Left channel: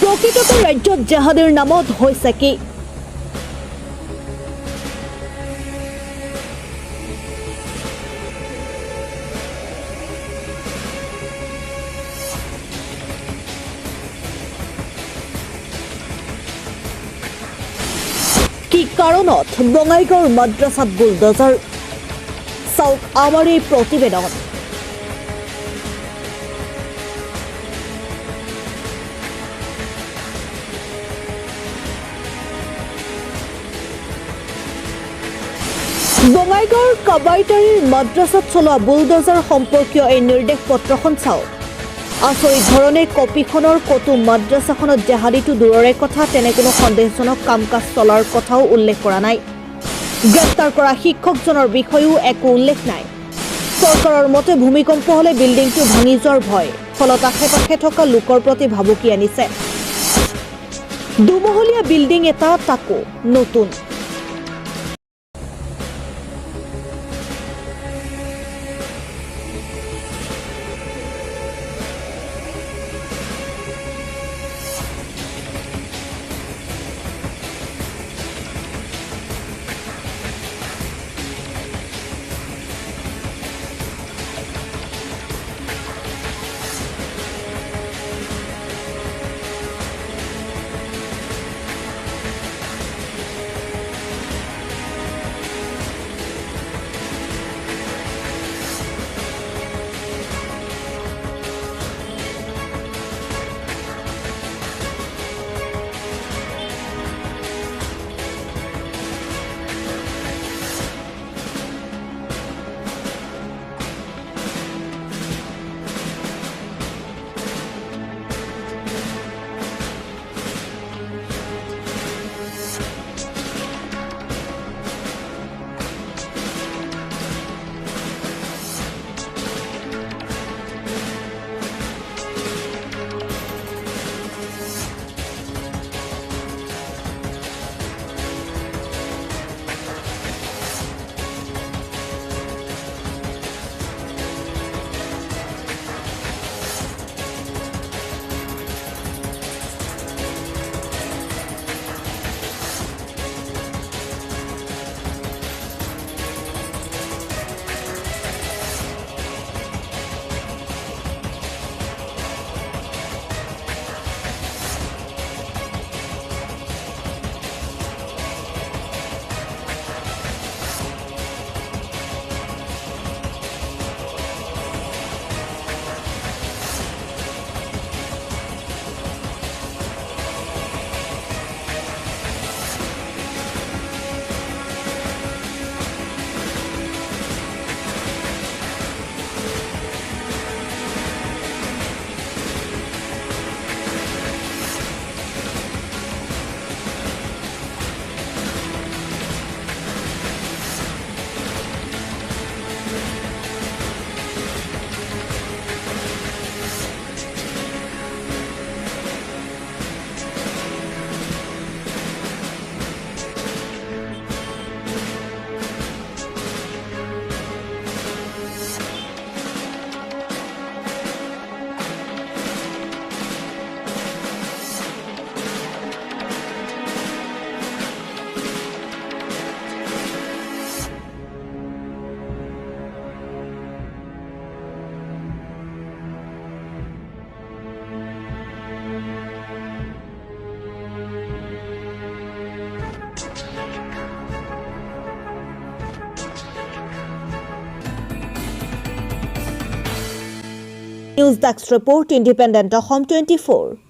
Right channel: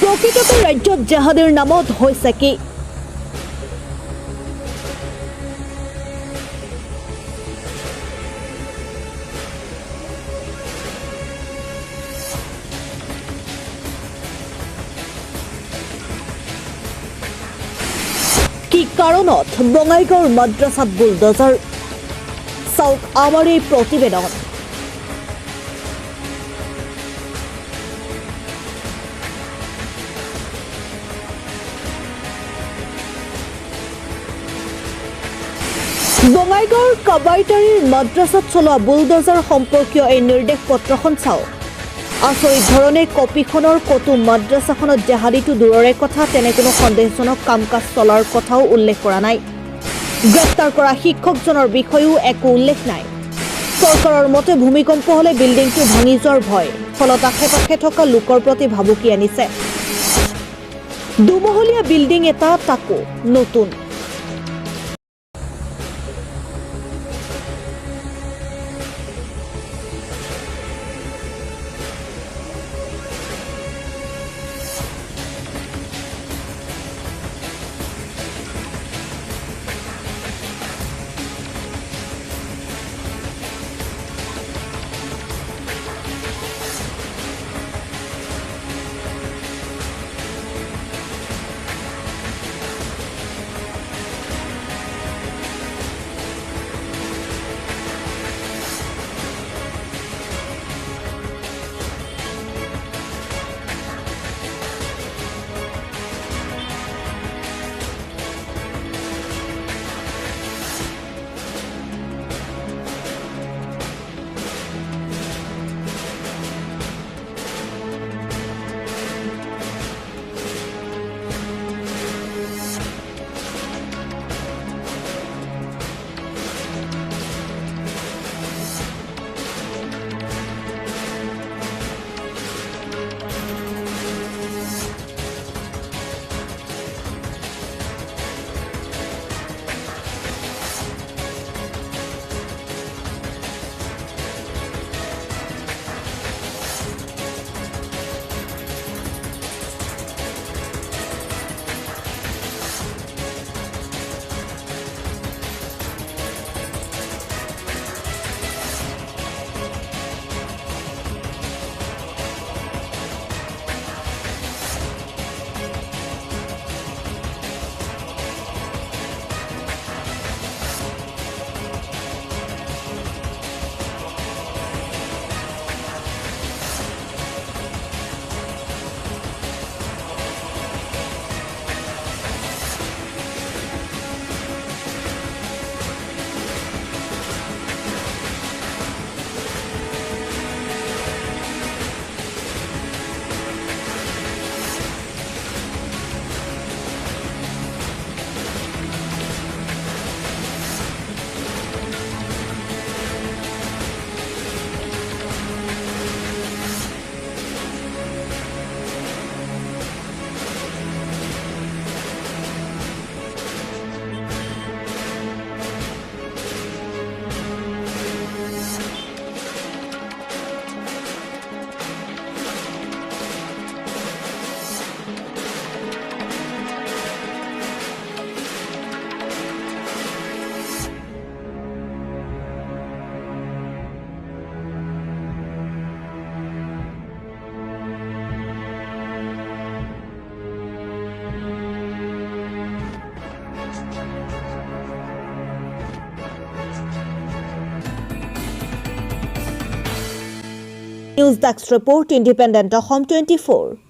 প্ৰকৃততে ৰাজ্যত জেহাদীৰ নামত হৈছে কি? কি কাৰণত বঙাইগাঁৱৰ মাদ্ৰাছাত বুলডোজাৰ? চাওক আমাৰ এই প্ৰতিবেদন। বঙাইগাঁৱৰ কাবাইতাৰীৰ মাদ্ৰাছাত চলোৱা বুলডোজাৰ সম্পৰ্কীয় এই নিৰ্দেশ পত্ৰখন চাওক। আচৰিত ধৰণে কপিখনৰ ক'তো মাদ্ৰাছাখনত জেহাদীটো দূৰৰে কথা, তেনে কোনো সন্দেহজনক কাম কাজ চলাৰ কথাও উল্লেখ কৰা নাই। গ্ৰেপ্তাৰ কৰা শিক্ষকজনৰ বিষয়েও একো উল্লেখ নাই। চৰকাৰৰ মতে ভূমিকম্প হ'লে বিল্ডিংটো ভাঙি যোৱাৰ ভয়, ফলত আশে পাশে থকা লোকৰ প্ৰতি ভাবুকি আনিছে। দুমহলীয়া বিল্ডিং এটা, তাকো নতুন। News Desk Report, Independent Home 24.